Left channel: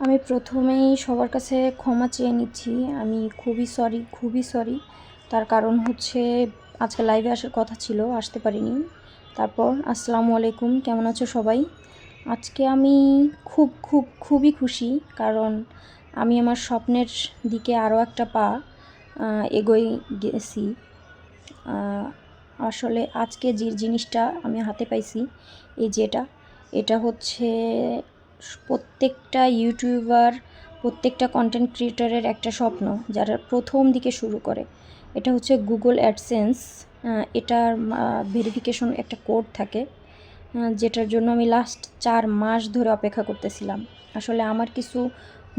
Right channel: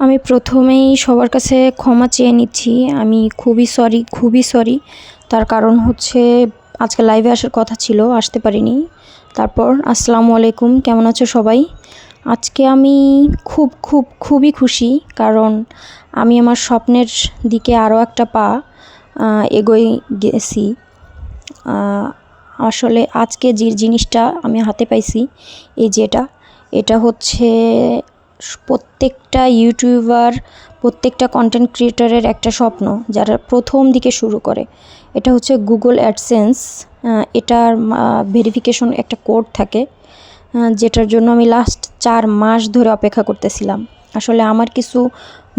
আমি প্রথমেই সবার কাছে ক্ষমা চেয়ে নিচ্ছি। আমি খুবই সরি খুবই সরি তার কারণ হচ্ছে আজকে লাইভে আসার কথা ছিল, আসতে পারিনি। তারপর, আসসালামু আলাইকুম, কেমন আছো সবাই? আজকে আমি খুব খুব, খুবই খুশি, কারণ আমি আমার স্বপ্নের দিকে আরও একটা পা এগোই গেছি। আসলে আজকে যে জিনিসটা আমি হাতে পাইছি, এই যেটা, এটা হচ্ছে প্রত্যেকটা ইউটিউবার প্রত্যেকটা কন্টেন্ট ক্রিয়েটারের একটা স্বপ্ন যারা প্রথম দিকে শুরু করে। এটা হচ্ছে গুগল অ্যাডসেন্স এটার ভেরিফিকেশন একটা কোড থাকে যেটার জন্য আমি লাস্ট চার মাস ধরে অপেক্ষা করতেছিলাম। আসলে আমার কিছু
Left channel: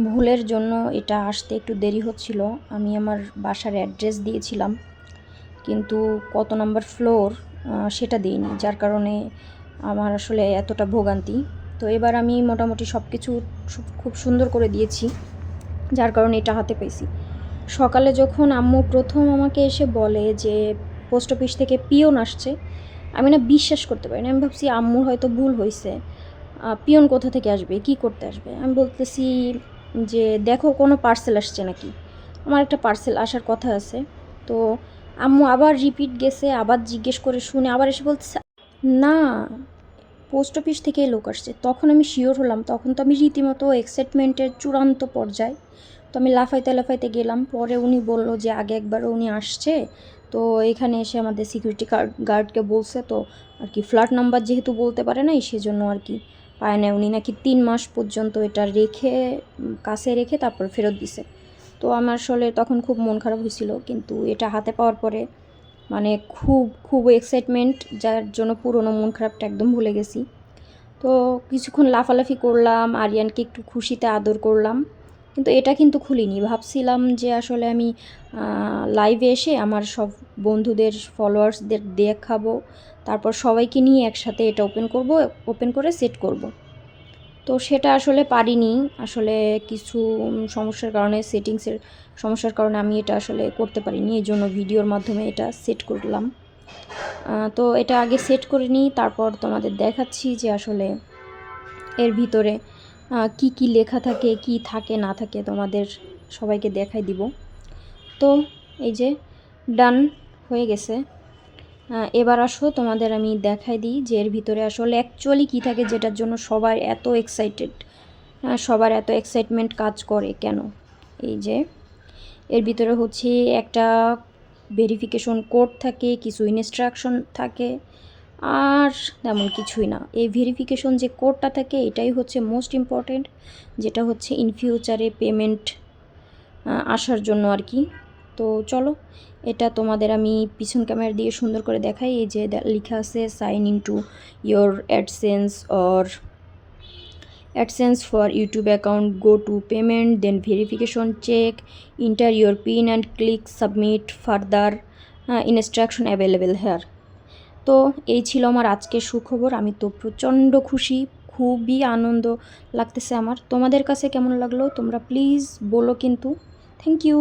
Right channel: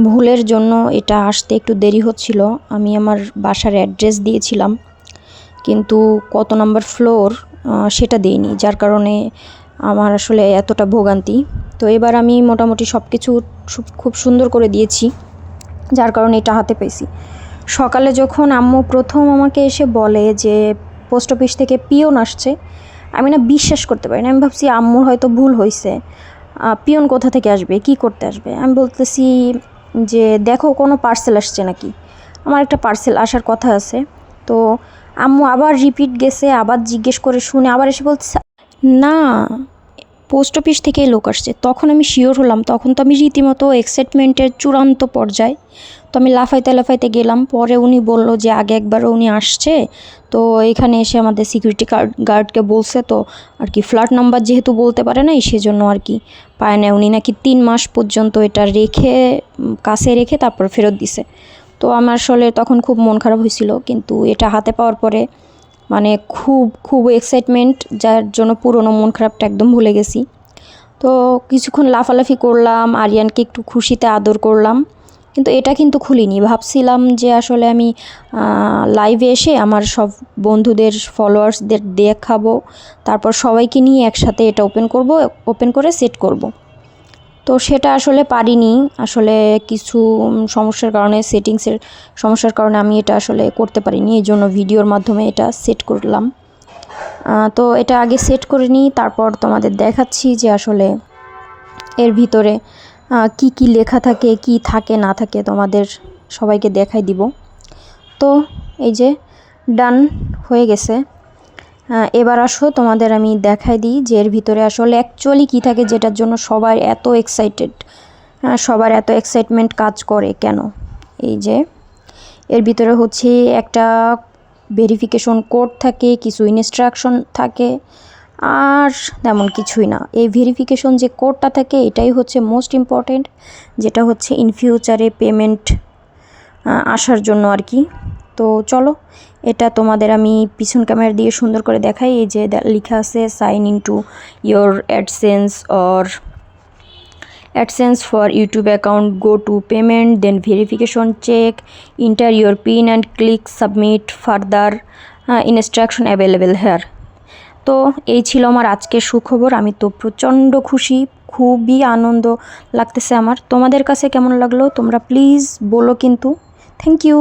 ভুলের জন্য এটা আসতে একটু দেরি হচ্ছিল। আমি আমার বাসার অ্যাড্রেস দিয়েছিলাম, কিন্তু কত নম্বর ফ্লোর সেটা দিইনি, যার কারণে আমার আসলে এতটা ভোগান্তি। তো এবার আমি মোটামুটি সব কিছু খুব সুন্দর করে দিয়েছি, যার কারণে এটা হাতে পেয়েছি। সকালে যখন আম্মু প্রথম আমাকে এসে বলে যে পোস্ট অফিস থেকে পিয়ন আসছে, আমি না বিশ্বাস করতে পারি না। আমি ভাবছি আম্মুর হয়তো ভুল হয়েছে পিয়ন কোথা থেকে আসবে? কি করতে আসবে? আমি বলতেছি যে, দেখো, কোনো পার্সেল আসছে নাকি? আমার একটা পার্সেল আসার কথা আছে। তো আম্মু আবার রিপিট গেছে, আবার জিজ্ঞেস করে শুনে আবার এসে বলছে, না পোস্ট অফিস থেকেই লোক আসছে। তখন আমি শিওর হলাম, তখন তো আমি রীতিমতো এক্সাইটমেন্টের চূড়ান্ত পর্যায়ে। তো আমি লাফাইতে লাফাইতে গেলাম, পরে উনি বলল যে আগে একবার উনি আসছে। তো এখানে এসে আমাদের সিকিউরিটি গার্ড গার্ডকে বলছে, তো আর কি ফ্ল্যাট নাম্বার যেহেতু বলতে পারে নাই, সেজন্য আর কি পায় না উনি নাকি তিন মাস পর্যন্ত এটা রেখে কাছে রেখে তারপর ফেরত দিছে। তো আমার আসলে তখন খুব মন খারাপ হয়েছিল, কিন্তু এটা হাতে পাওয়ার পরে মানে খুব খুব এক্সাইটমেন্ট যার জন্য পুরনো মন খারাপটা একদম ভুলে গেছি। তো কিছুক্ষণ লাফালাফি করলাম, আরিয়ানকে একটু খুশিতে আদর করলাম, কিন্তু এটা কিন্তু খুলিনি। ভাবছিলাম যে আসলে আমি লাইভে এসে আমার সব বন্ধুদের ফলোয়ার্সদের দেখাবো, তারপর সবাইকে নিয়ে একসাথে এটা ওপেন করব ওপেন করে সেট করব। তো সেটা আসলে পারিনি। আসলে কিছু সমস্যার কারণে সেটিংসের সমস্যার কারণে আমি এটা আসলে করতে পারিনি। এই জন্য ভিডিওর মাধ্যমে এটা সেট করলাম। তো এটা আগে সেট করে নিই, তারপর তোমাদের দেখাচ্ছি যে আসলে এর ভিতরে কি কি লেখা থাকে, কি থাকে, না থাকে তোমাদের সবাইকে দেখাই দিব। তো এই যে ডান হয়ে গেছে। এবার আসো, তোমাদের আমি দেখাই দিই যে এর ভিতরে আসলে অ্যাকচুয়ালি কী থাকে যেটার জন্য সবার এত এক্সাইটেড সবার এত এক্সাইটমেন্ট কাজ করে কেন? এই যে, এর ভিতরে হচ্ছে একটা ভেরিফিকেশন কোড থাকে, কিছু ইনস্ট্রাকশন থাকে, আর তেমন কিছুই না। এই ভেরিফিকেশন যে কোডটা থাকে, এটাই হচ্ছে মোস্ট ইম্পর্ট্যান্ট যেটা হচ্ছে ইন ফিউচারে পেমেন্ট আসার জন্য আর কি। তো চলো, এটা তোমাদের আমি পিছন ক্যামেরা দিয়ে সুন্দর করে দেখাই। এই যে লেখা আছে sign in to your AdSense or AdSense for YouTube account go to payment then verification check enter your pin and click submit further instruction available here. তো এই ছিল আমার আজকের সুখবর। আমি তো প্রচণ্ড খুশি, খুবই আনন্দ লাগতেছে আমার। তোমাদের কাছে কেমন লাগল? তোমরা প্লিজ বলো কিন্তু। Thank you